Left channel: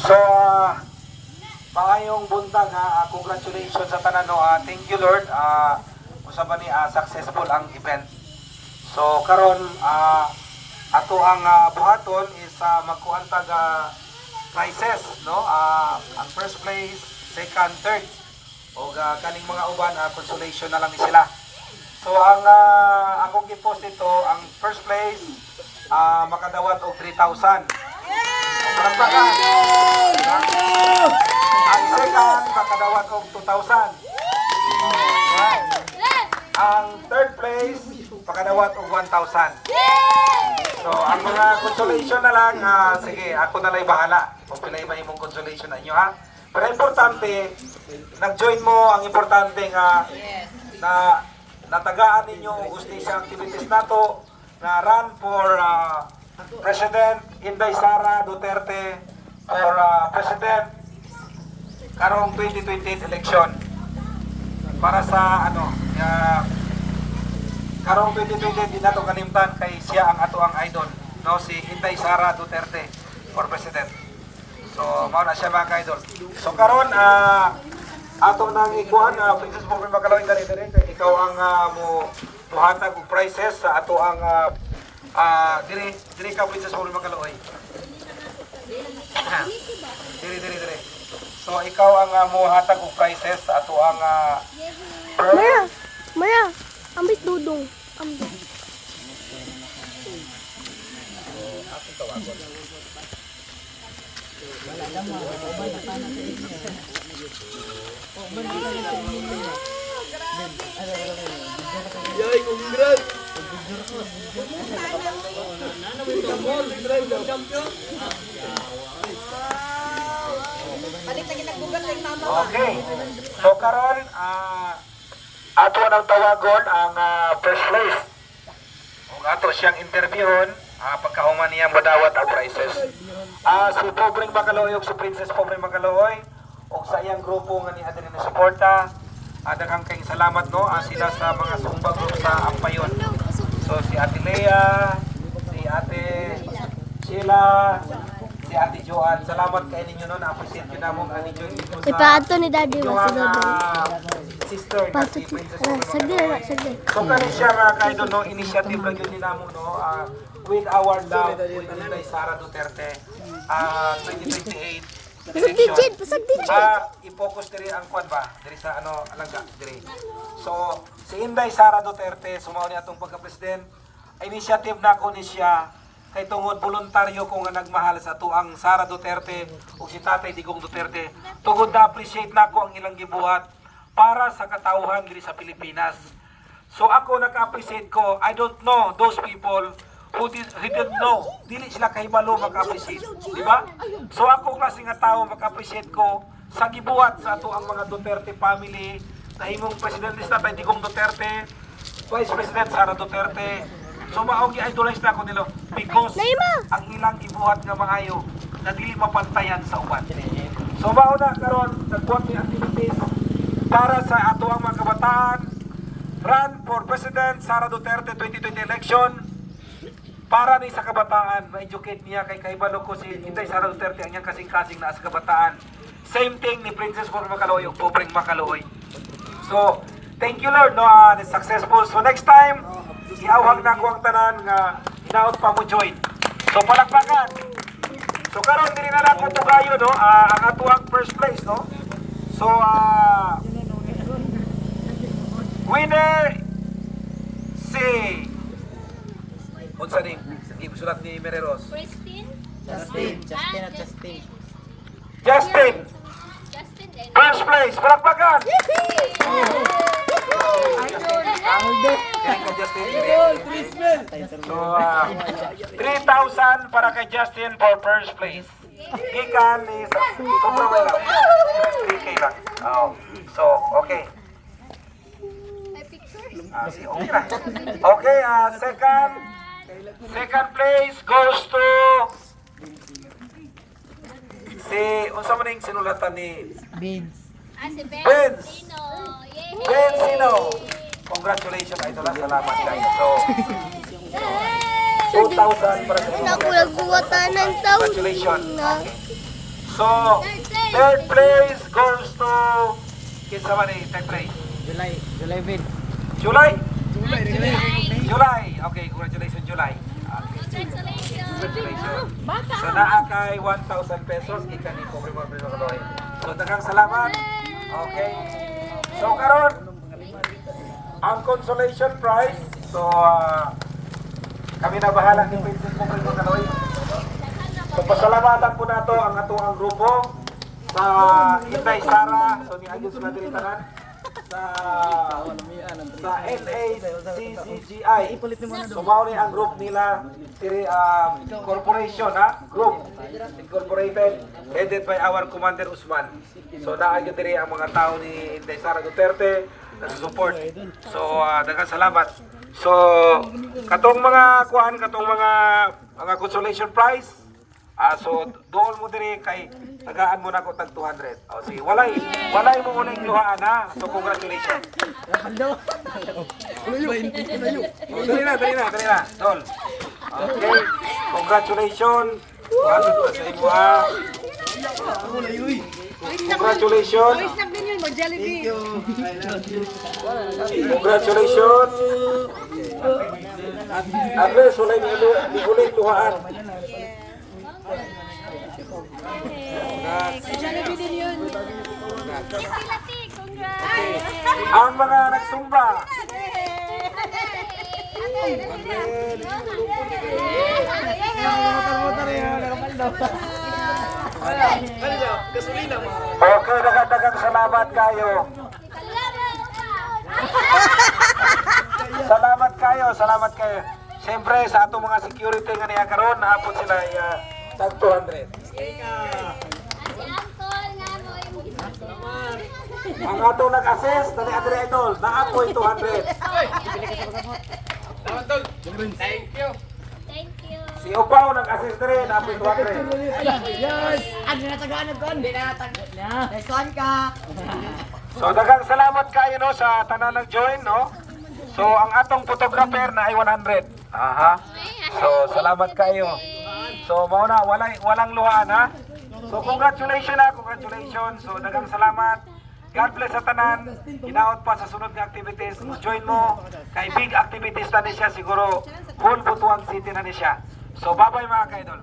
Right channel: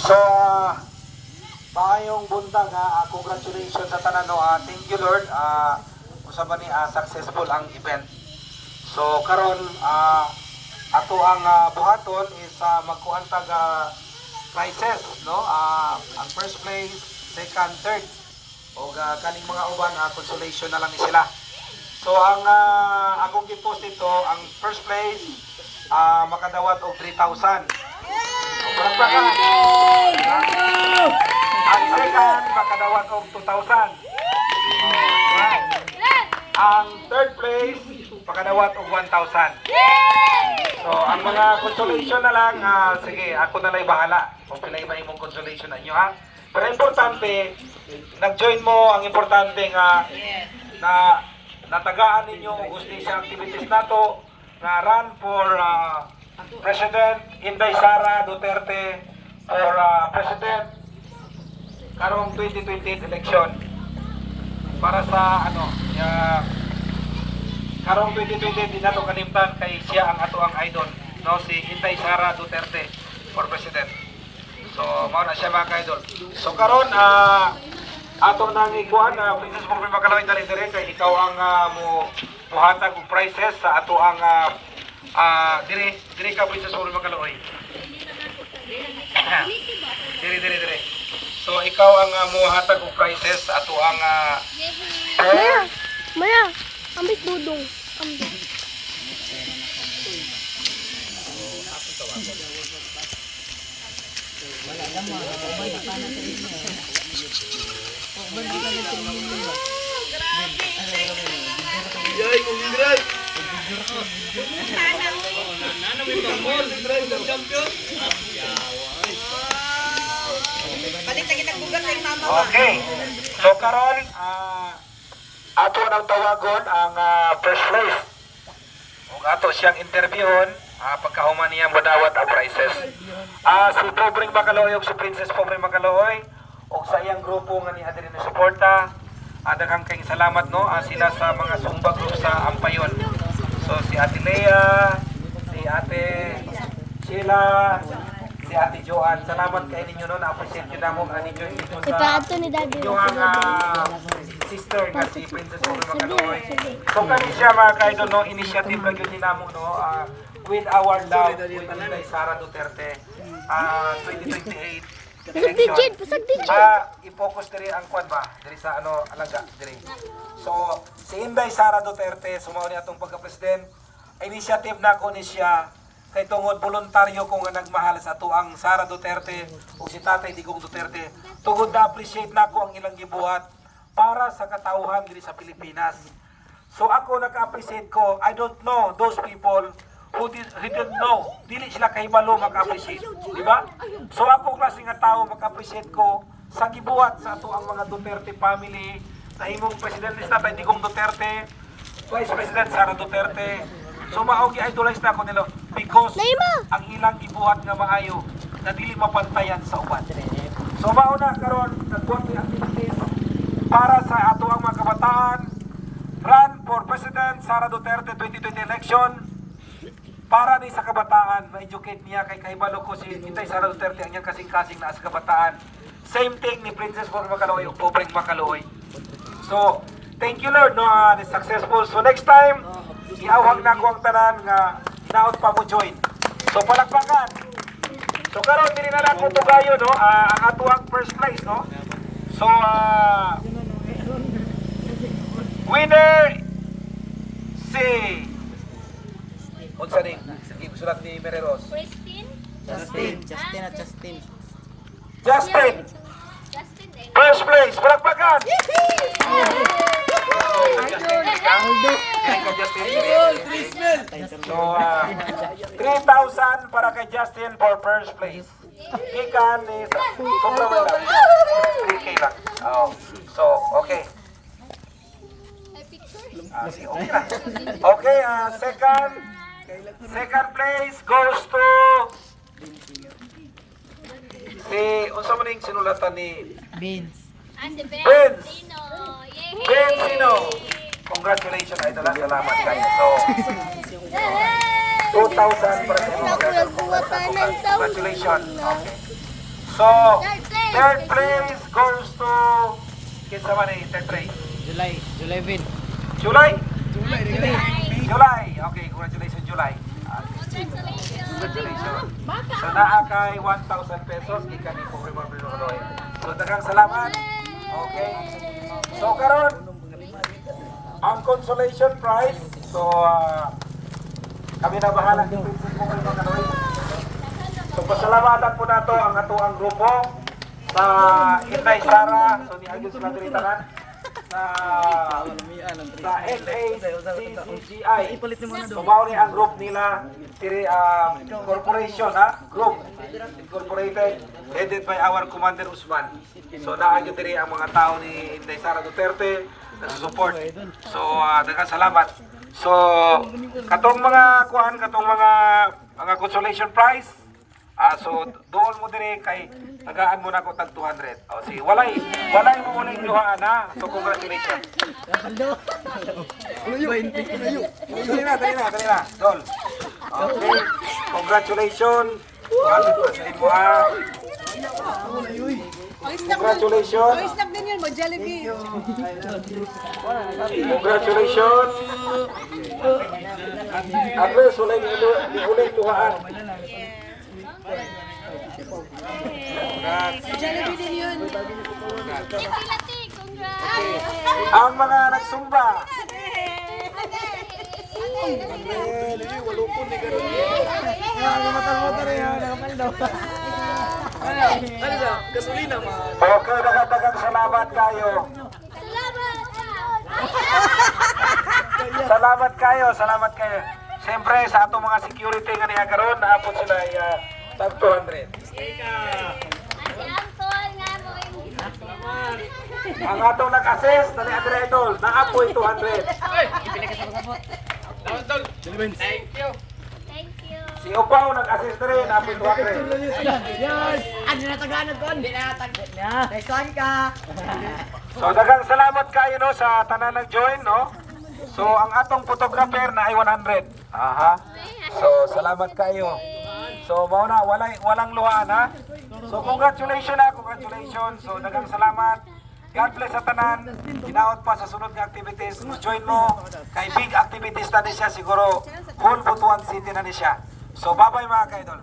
So, maayong buntag ha. Congratulations sa tanan no. Thank you Lord. Usa ba ni successful ang event. So karon ato ang buhaton is magkuhan tag prizes no. Ang first place, second, third o kaning mga uban consolation na lang ni sila. So ang akong gi-post dito, ang first place makadawat og 3,000. Palakpakan. Ang second makadawat og 2,000. Ang third place makadawat og 1,000. So ang mga consolation na lang, sige, ako na lang bahala kung pilay mahimong consolation na inyo ha. Pero importante, nag-join mo, ang importante nga na natagaan ninyo ang justisya activities nato na run for President Inday Sara Duterte for President karong 2028 election para sa karong 2028 din nato kalimtan kay siya ang ato ang idol no, si Inday Sara Duterte for President. So mao na siya mga idol. So karon ato nang ikuan Princess Pobre Makalawin dali kay ikaw ang muhatag og prizes sa ato ang diri ka Princess Pobre Makaloy. Diri. So ikaw ang muhatag og prizes sa ato ang Maya, ambit dudong. Ambit. Okay. So karon ato nang tawagon ang first place. Ug ato siyang interviewon pagkahuman niya madawat ang prizes. Si Pobreng Makaloy ug si Princess Pobreng Makaloy ug sa iyang grupo nga niya diri na suporta. Daghang kayong salamat no sila sa mga sumbag sa Ampayon. So si Ate Lea, si Ate Sheila, si Ate Joan, salamat kay ninyo no, na-appreciate ko na mo nga ninyo dito sa Ipato ni Daddy na si Daddy. sister nga si Princess Pobre Sige, Makaloy. sige. So kani siya mga kaidol no, initiative lang yun namo no, with our love with Inday Sara Duterte 2028 Pasag digit, pasag digit. i-focus diri ang kwan ba diri sa alaga diri. So si Inday Sara Duterte sumao ni atong pagka-president, initiative na ko ni siya kay tungod voluntaryo ko nga nagmahal sa tuang Sara Duterte o si Tatay Digong Duterte. Tungod na appreciate nako ang ilang gibuhat para sa katauhan diri sa Pilipinas. So ako naka-appreciate ko. I don't know those people who didn't know. Dili sila kahibalo maka-appreciate, di ba? So ako klase nga tao maka-appreciate ko sa gibuhat sa ato ang mga Duterte family, nahimong Presidente Tatay Digong Duterte, Vice President Sara Duterte. So maogi idolize na ako nila because ang ilang gibuhat nga maayo na dili mapantayan sa uban. So mao na karon nagbuhat ni activities para sa ato ang mga kabataan. Run for President Sara Duterte 2020 election. Para ni sa kabataan, ma-educate niya kay kaibalo ko si Inday Sara Duterte ang niyang kasing-kasing na sa kabataan. Same thing ni Princess Pobre Makaloy o Pobreng Makaloy. So, thank you Lord no, successful. So next time, iawhag na ko ang tanan nga hinaot pa mo join. So palakpakan. So karon diri na lang ko to kayo no, ang ato ang first place no. So winner si unsa din? Sige, sulat ni Mereros. Justin. Justin. First place, palakpakan. So, 3,000 para kay Justin for first place. Gikan ni sobrang wala. 3K lang. Oh. So, okay. Okay na. Okay, second place goes to si unsa man ning sinulatan ni Beans. Vince. Sino? Congratulations idol, salamat kayo. So 2,000 para sa inyo. Nagbuwatan ng tao. Congratulations. Okay. So, third place goes to kinsa man ni third place? July Vid. July? July. Okay, congratulations July. Okay. Congratulations. So naa kay 1,000 pesos ikan ni pobre mga Pinoy. So daghang salamat. Okay. So karon ang consolation prize. So kami na bahala ni Princess pobre mga Pinoy. So pasalamatan po nato ang atuang grupo sa Inday Sara, so ni Agos Madritanan sa NACCGI. So mao ni ang group nila tiri corporation group incorporated headed by our Commander Usman. So naagyo diri ang mga tao ni Inday Sara Duterte na support. So daghang salamat. So katong mga mga consolation prize. So doon mo dire kay tagaan mo na ko tag 200. O si walay mo muna luhaan ha. So congratulations. Dali na. Dol. Okay. Congratulations. Bakit pa sa imo ha? Congratulations. Congratulations. Andres, walay ni luhaan. Okay. Ang mga nagsumba. Okay, daghang salamat kayo. Salamat kayo. Siyempre sa atong mga security nga niya karon, naapot sila tag 200. Ang atong nag-assess, dali adre idol, naapoy 200. Thank you. Si Upaw nag-assess dere, naapoy 200. So daghang salamat kayo no sa tanan nag-join no. So ang atong photographer na ay 100. Aha. So salamat kayo. So mao na walang luhaan ha. So congratulations. So daghang salamat. God bless sa tanan. Hinaot pa sa sunod nga activities. Join mo kay big activities na ni siya siguro whole Butuan City na ni siya. So bye-bye mga kaidol.